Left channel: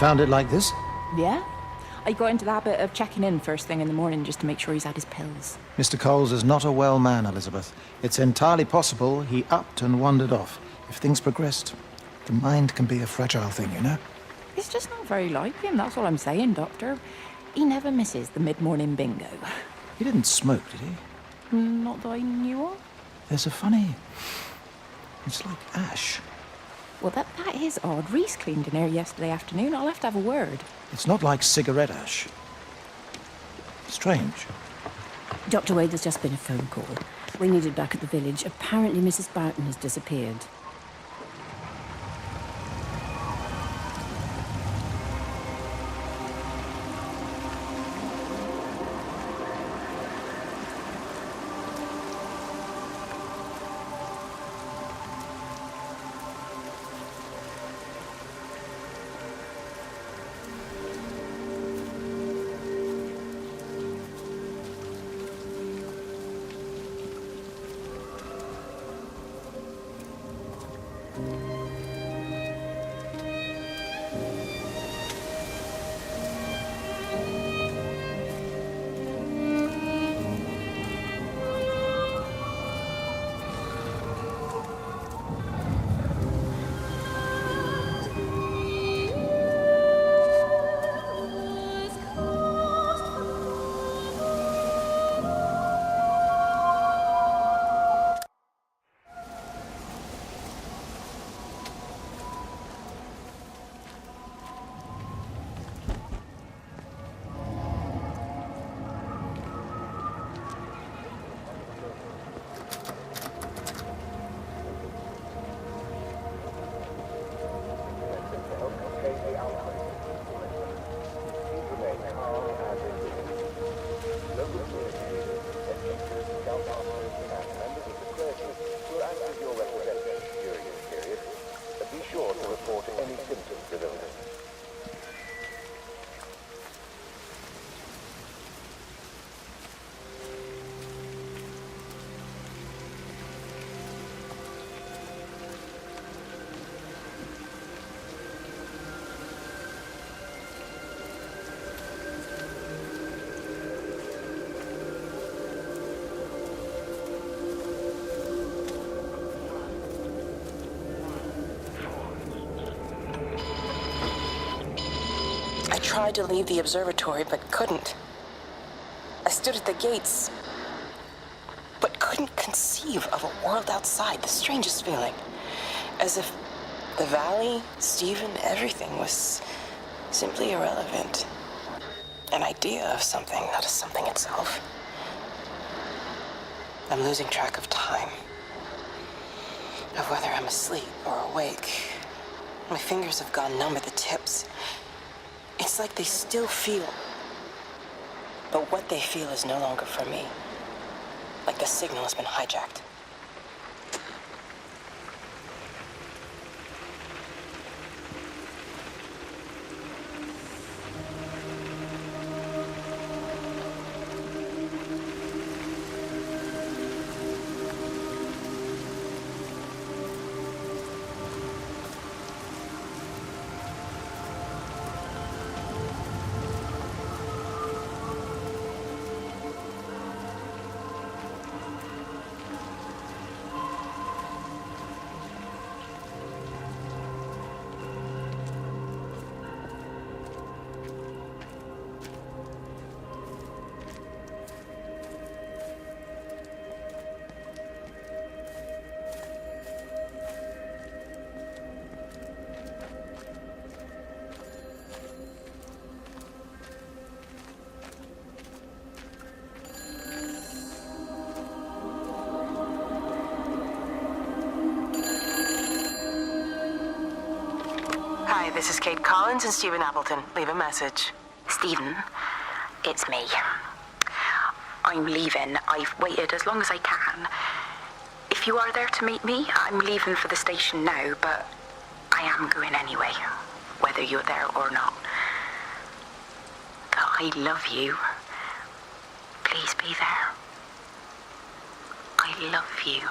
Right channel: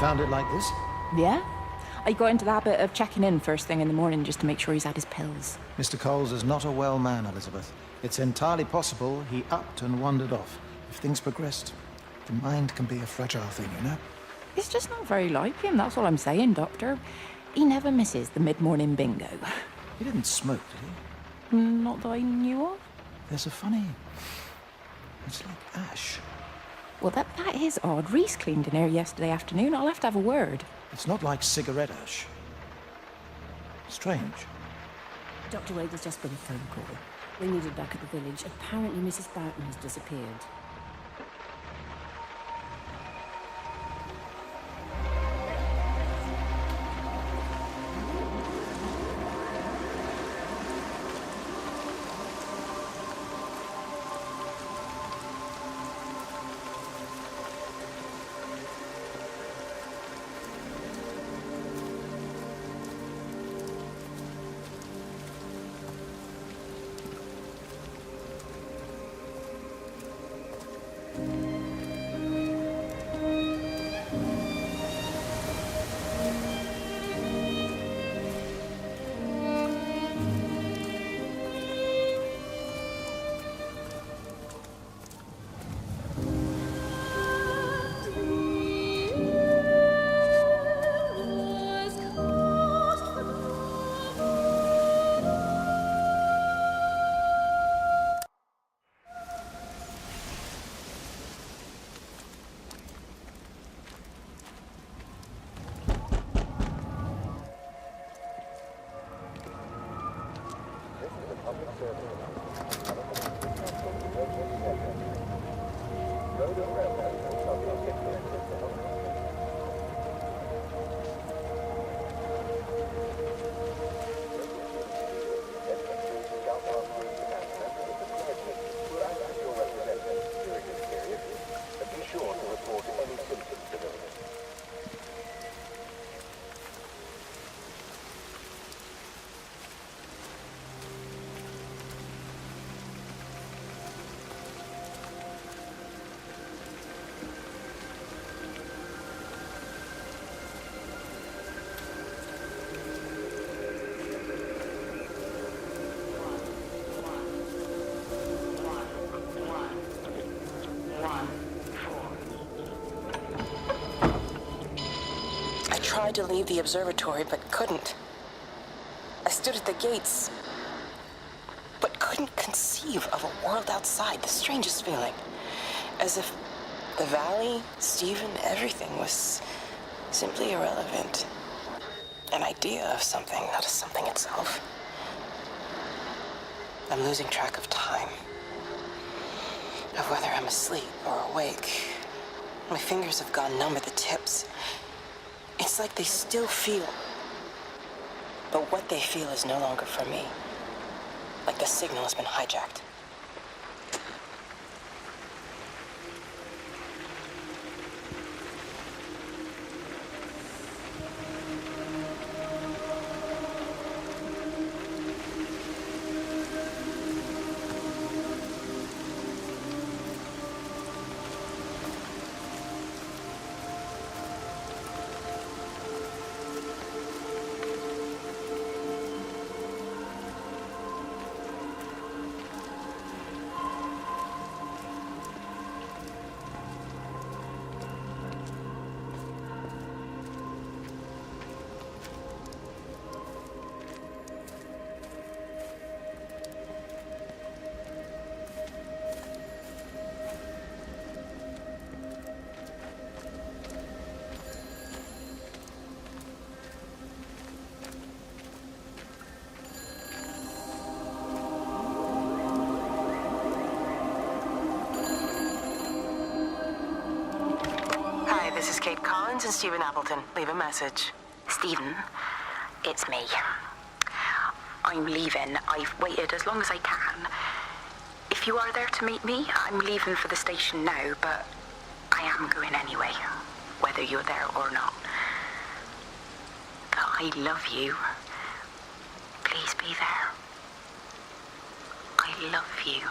found it like this? Yeah? I got into the habit of checking in first thing in the morning just to make sure he's had his pills. Mr. Coles is not a well man, Elizabeth. It's entirely possible he upped and wandered off. If things progressed, the mind can be a fragile thing, you know? It's just not very like him, that's all I'm saying, Doctor. He never misses the mid-morning bingo. He didn't smoke, did he? Not that I knew of. There's a funny... It's like ash. Well, that is odd. Reese cleaned in here yesterday afternoon. I'll have to have a word. It's not like cigarette ash. Strange. Dr. Wade, there's just been a phone call. We need it back at the village. Apparently Mrs. Boughton has disappeared. I tried to leave the observatory, but couldn't. I stood at the gates, but couldn't conceive of a world outside. The strangest feeling. As if the valley, Stephen, everything was simply irrelevant. An idea of something, not as something itself. I'm losing track of time. Of whether I'm asleep or awake. My fingers have gone numb at the tips. It's like they still feel. But what they feel is no longer for me. Like the signal has been hijacked. Hi, this is Kate Collins and Stephen Appleton. Leave a message. Stephen, it's me. I'm leaving. I've waited as long as I can. If you are there to meet me, I'm leaving for the station now, but I am going anyway, whether you're there or not. I love you. Please be there. I love you.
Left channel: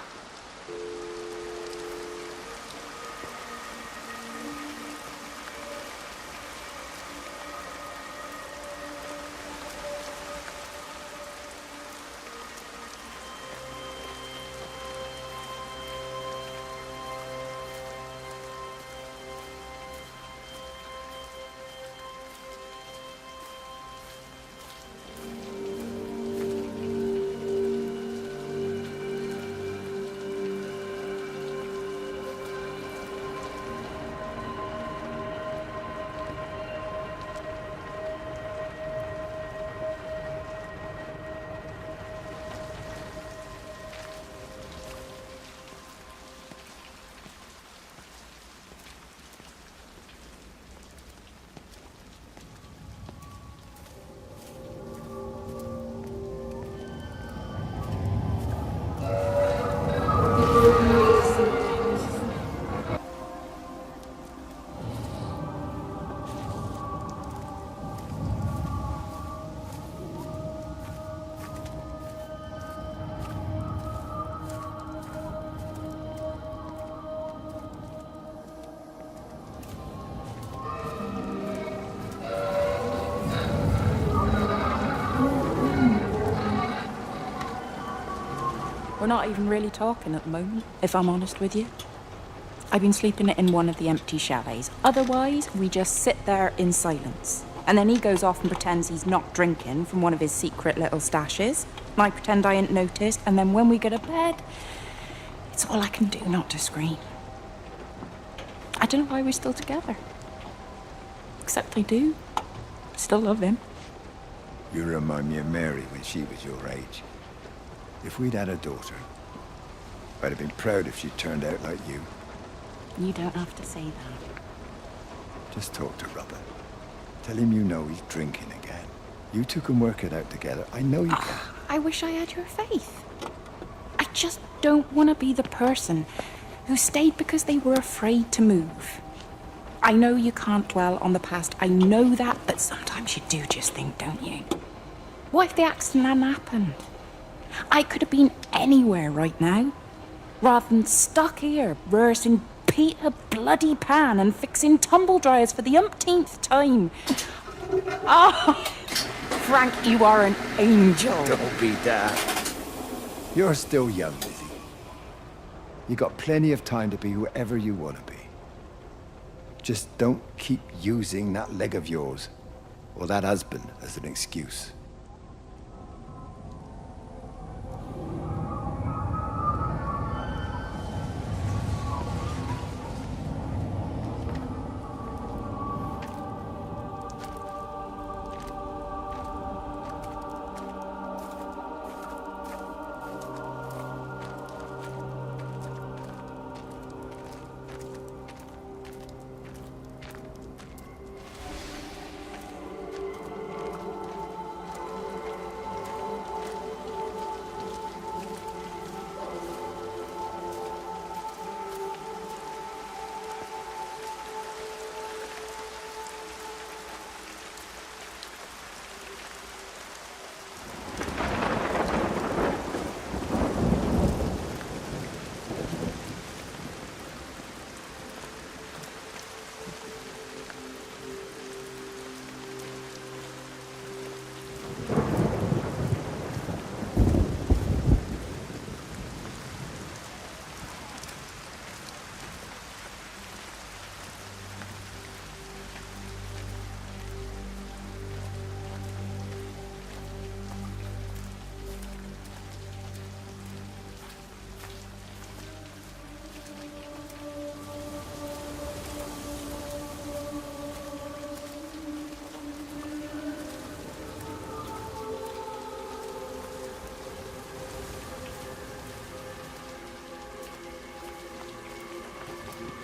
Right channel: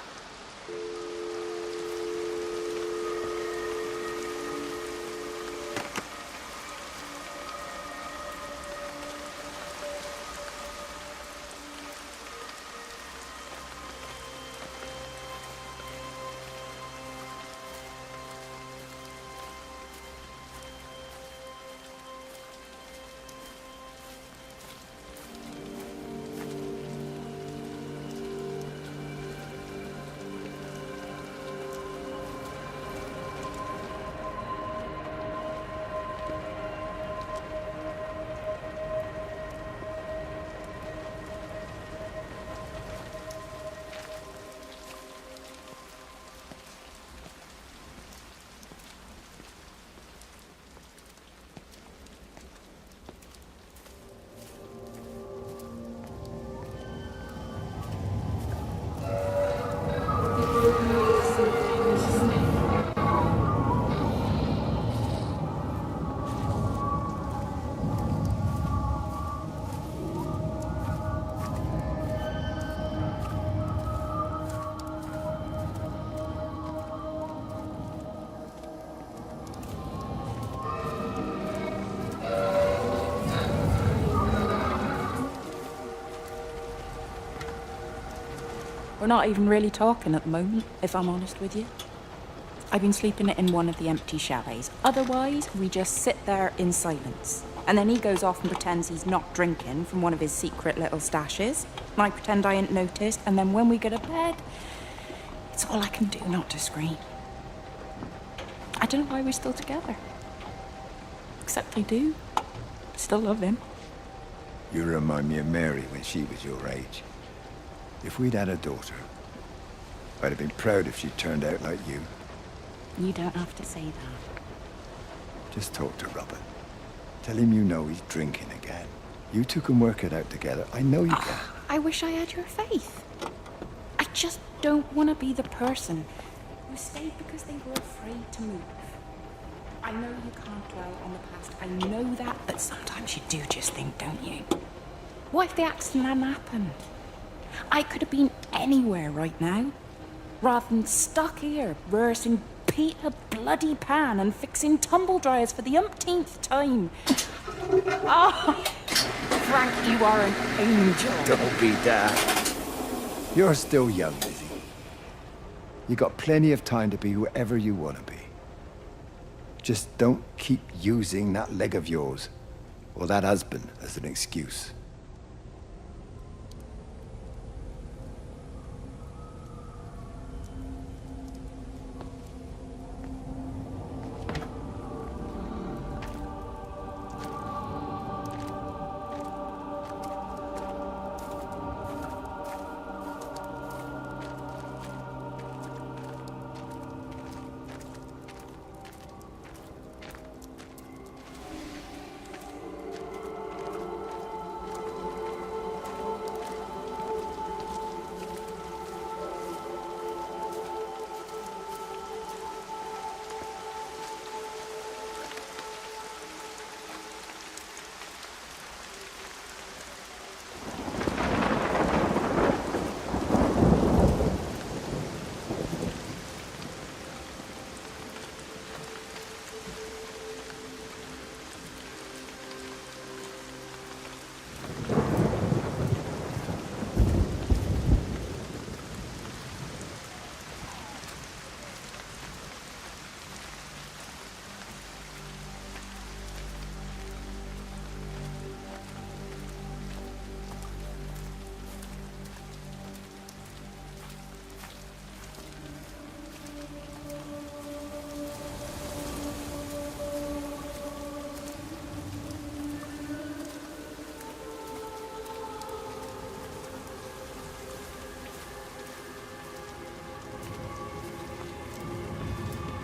not even really talking at the moment, if I'm honest with you. I've been sleeping in one of the empty chalets. Otherwise, we just sit there in silence. And then he goes off and pretends he's not drinking from one of his secret little stashes. And I pretend I ain't noticed. And then when we go to bed, it's all I can do not to scream. I don't know why we're still together. Except I do. Still love him. You remind me of Mary when she was your age. If we'd had a daughter, I'd have been proud if she turned out like you. You don't have to say that. Just talk to Robert. Tell him you know he's drinking again. You two can work it out together. I know you can. I wish I had your faith. I just don't want to be the person who stayed because they were afraid to move. I know you can't dwell on the past. I know that, but sometimes you do just think, don't you? What if the accident hadn't happened? I could have been anywhere right now, rather than stuck here, rehearsing Peter Bloody Pan and fixing tumble dryers for the umpteenth time. Oh, Frank, you are an angel. Don't be daft. You're still young, Lizzie. You got plenty of time to be whoever you want to be. Just don't keep using that leg of yours, or that husband, as an excuse.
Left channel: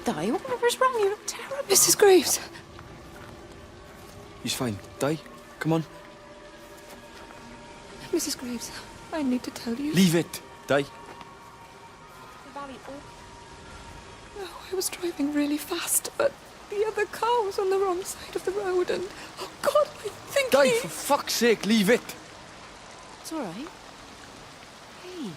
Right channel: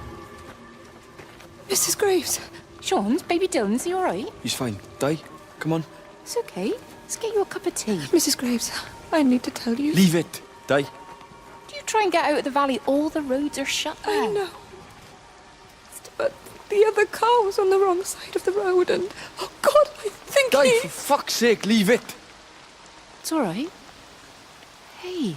Di, whatever's wrong? You're terrible. Mrs. Graves. Sean's, baby Dylan, is he all right? He's fine. Di, come on. It's okay. Let's get you a cup of tea. Mrs. Graves, I need to tell you. Leave it, Di. Do you try and get out of the valley? All the roads are shut there. I know, I was driving really fast, but the other car was on the wrong side of the road and... Oh, God, I think Di, he... for fuck's sake, leave it. It's all right. Hey,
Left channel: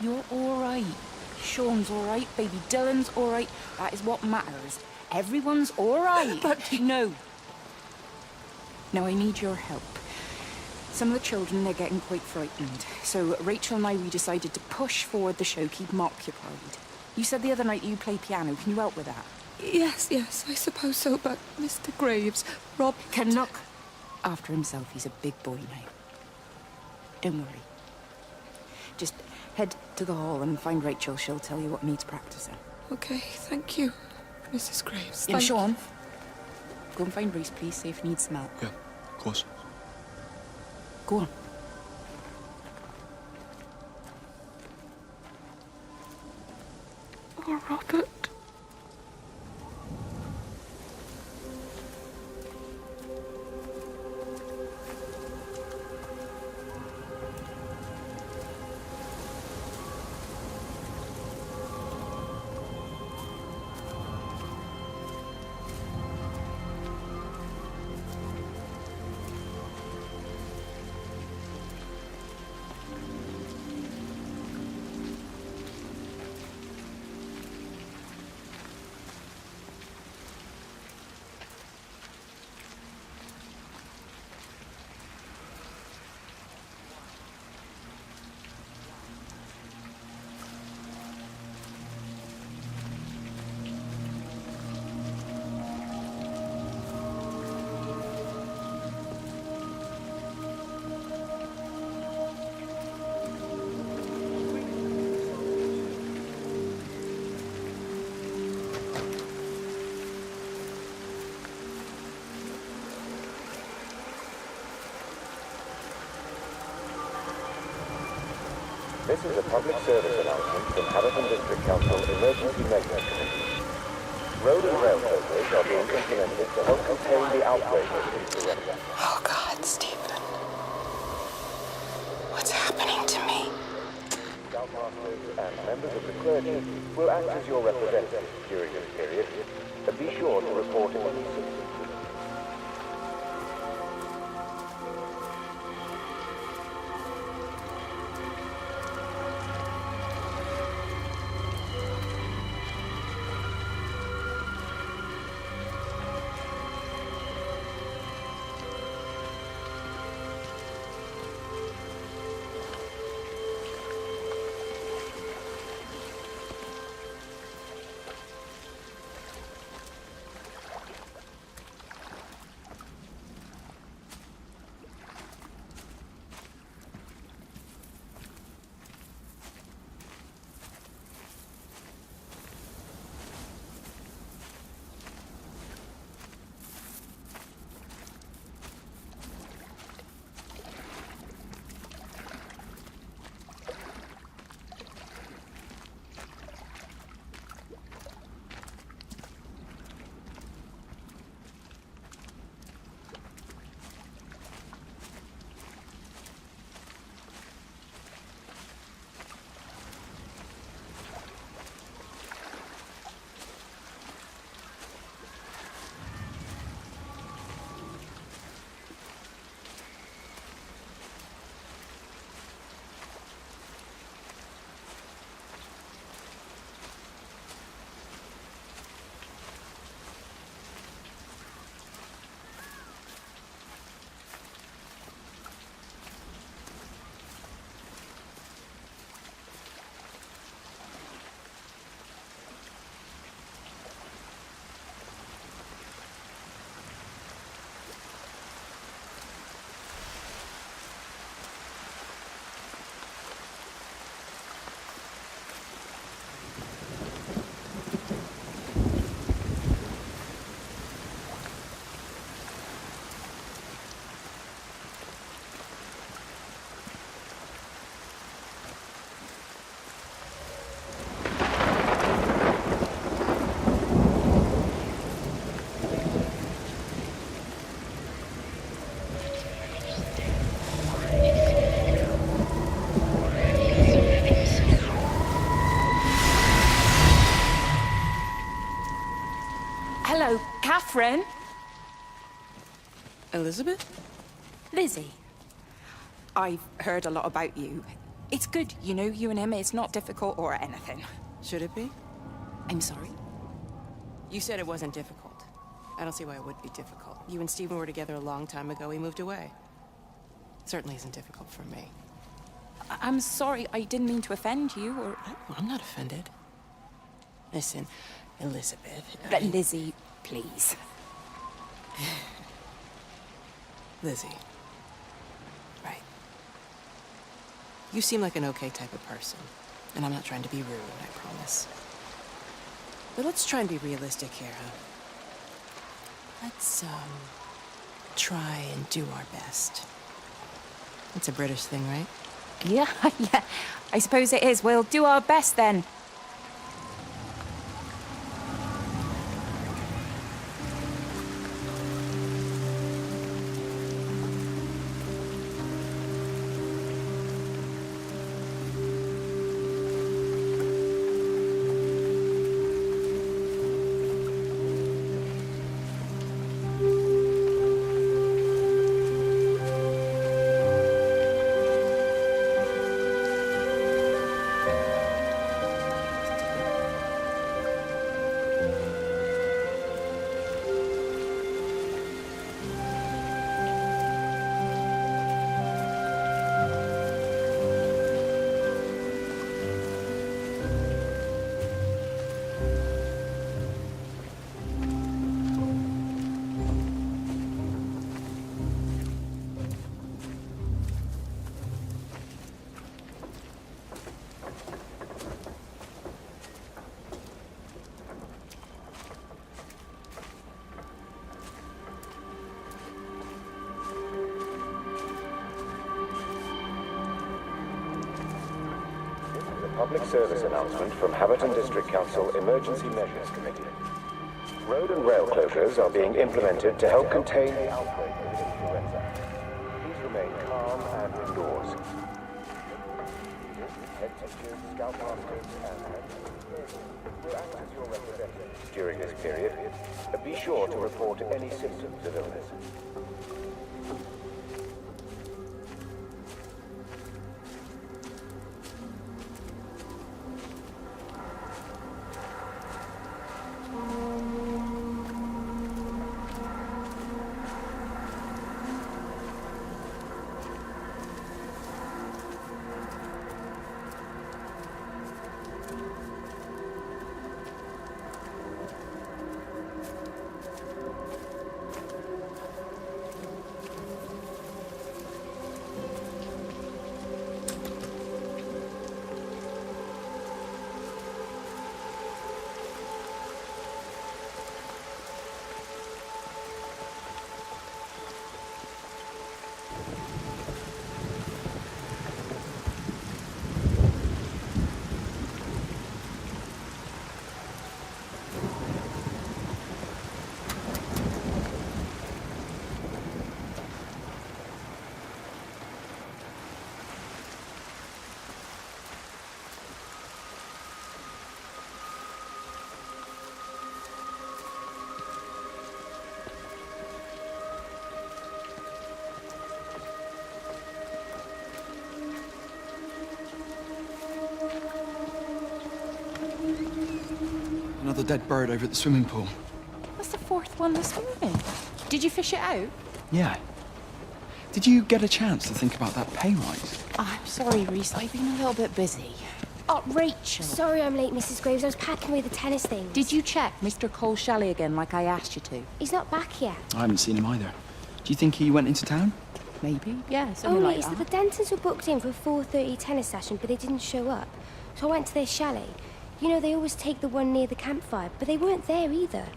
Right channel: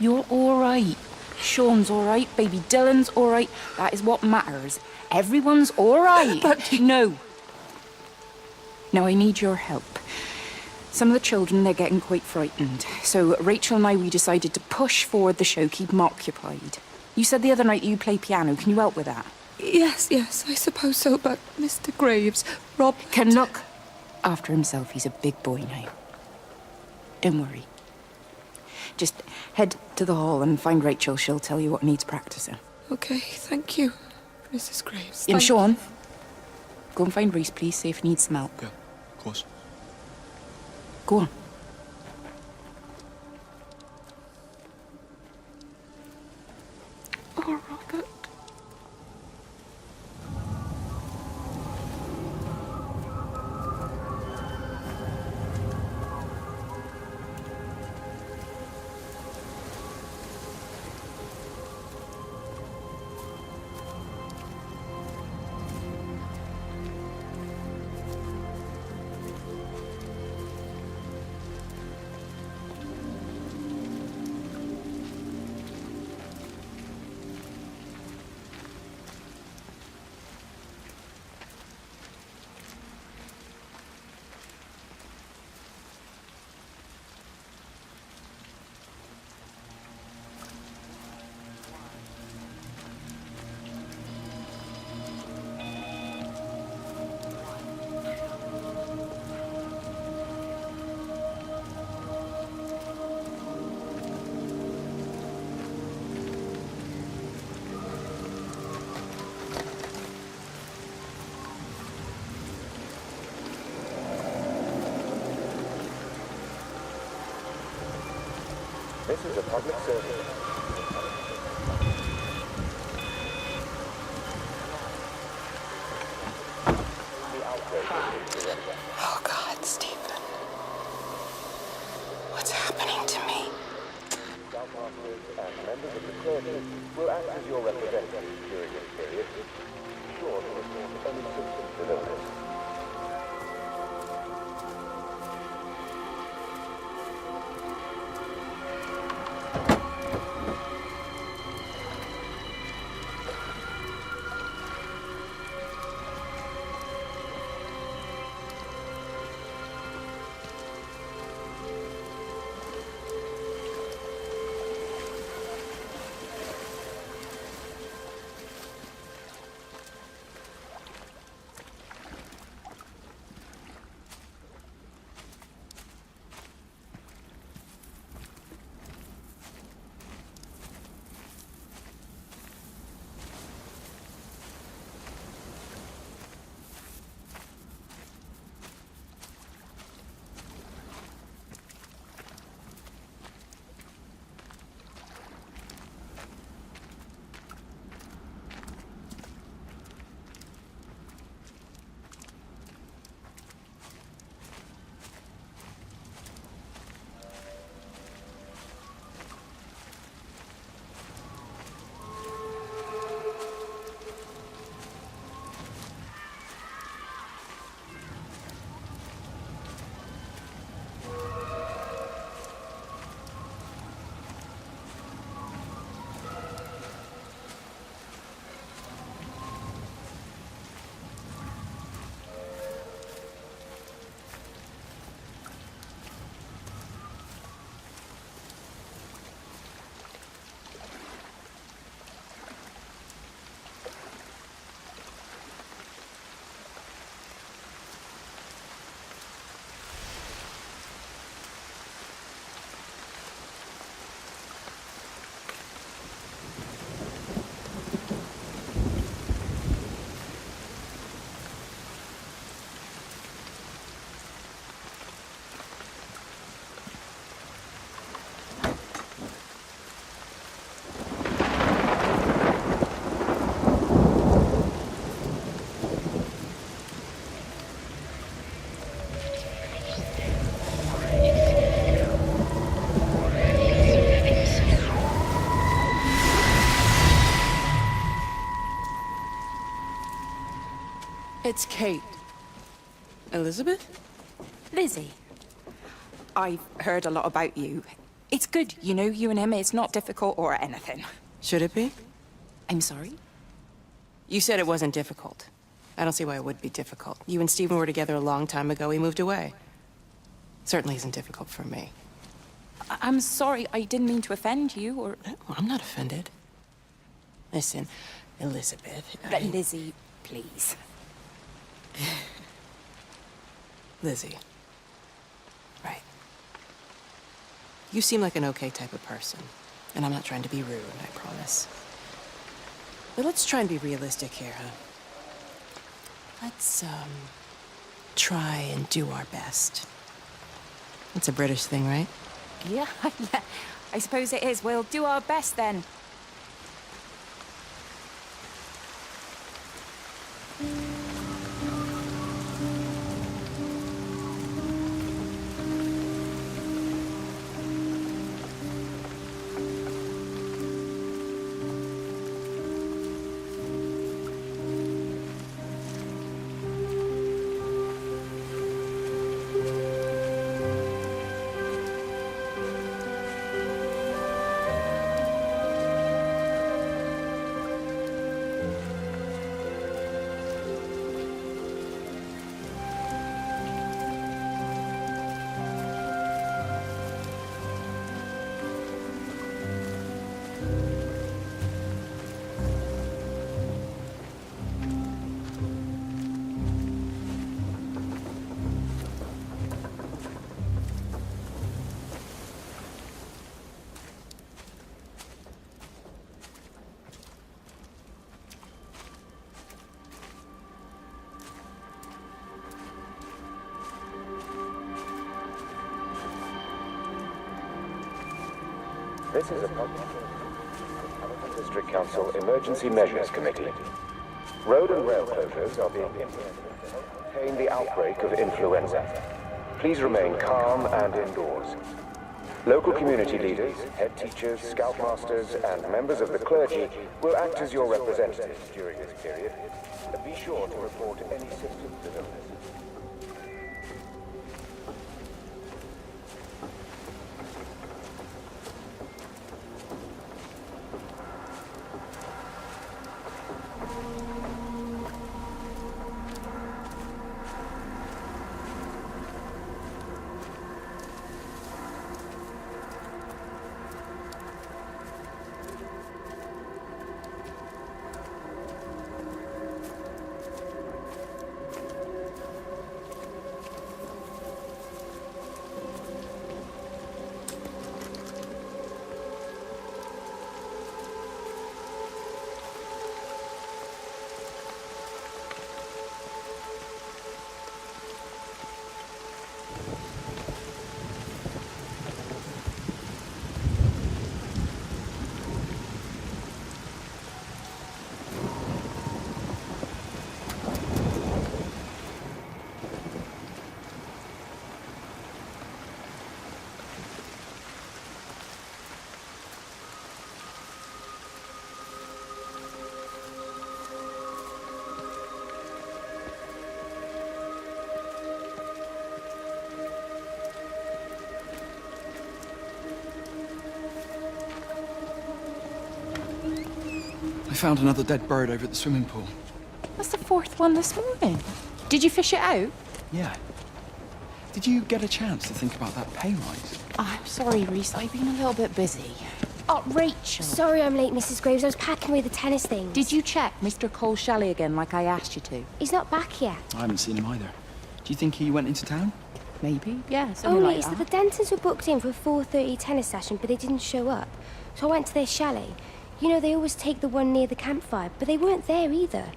you're all right. Sean's all right. Baby Dylan's all right. That is what matters. Everyone's all right. But... No. No, I need your help. Some of the children, they're getting quite frightened. So Rachel and I, we decided to push forward the show, keep them occupied. You said the other night you play piano. Can you help with that? Yes, I suppose so, but Mr. Graves, Rob... Can look after himself. He's a big boy now. Don't worry. Just head to the hall and find Rachel. She'll tell you what needs practicing. Okay, thank you, Mrs. Graves. And Sean, go and find Reese, please, see if he needs some help. Yeah, of course. Go on. Oh, Robert. This is a public service announcement from Hamilton District Council Emergency Measures. Road and rail closures are being implemented to help contain the outbreak of influenza. Oh, God, Stephen. What's happening to me? Scoutmasters and members of the clergy will act as your representatives during this period, but be sure to report any symptoms of illness. Catherine. It's Kate. Elizabeth? Lizzie. I've heard a lot about you. It's good, you know, you and him. It's not difficult or anything. Should it be? I'm sorry? You said it wasn't difficult. I don't see why it would be difficult. You and Stephen were together a long time ago. He moved away. Certainly isn't difficult for me. I'm sorry. I didn't mean to offend you or... No, I'm not offended. Listen, Elizabeth... Lizzie, please. Lizzie. Right. You seem like an okay type of person. And I'm not trying to be rude, I promise. But let's try and be realistic here, huh? Let's, try and do our best. That's a British thing, right? Yeah, yeah. I suppose it is. We'll do our best then. This is a public service announcement from Haverton District Council Emergency Measures Committee. Road and rail closures are being implemented to help contain the outbreak of influenza. Please remain calm and indoors. Local community leaders, head teachers, scoutmasters, and members of the clergy will act as your representatives during this period. Be sure to report any symptoms of illness. I found another dead bird over at the swimming pool. That's the fourth one this morning. Did you fish it out? Yeah. Did you get a chance to think about that pay rise? I'm sorry, Reese. I've been a little bit busy. Oh, Rachel. Sorry I'm late, Mrs. Graves. I was packing away the tennis things. Did you check Mr. Cole Shelley again like I asked you to? He's not back yet. I haven't seen him either. Do you think he went into town? Maybe, yeah, something Only like it's that. that the Dentons were booked in for a 4:30 tennis session, but they didn't show up. So I went to their chalet. You know, they always take the one near the campfire, but they weren't there either.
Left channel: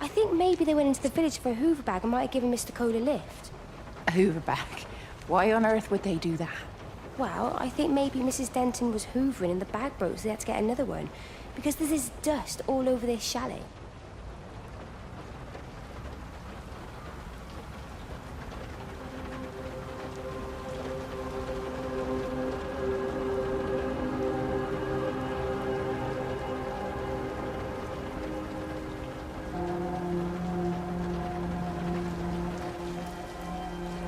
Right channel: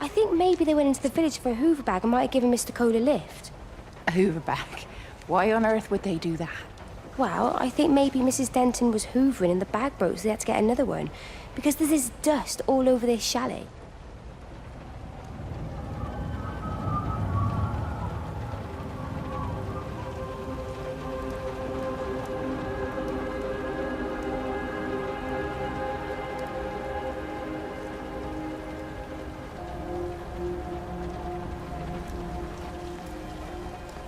I think maybe they went into the village for a Hoover bag and might have given Mr. Cole a lift. A Hoover bag? Why on earth would they do that? Well, I think maybe Mrs. Denton was hoovering and the bag broke, so they had to get another one. Because there's this dust all over this chalet.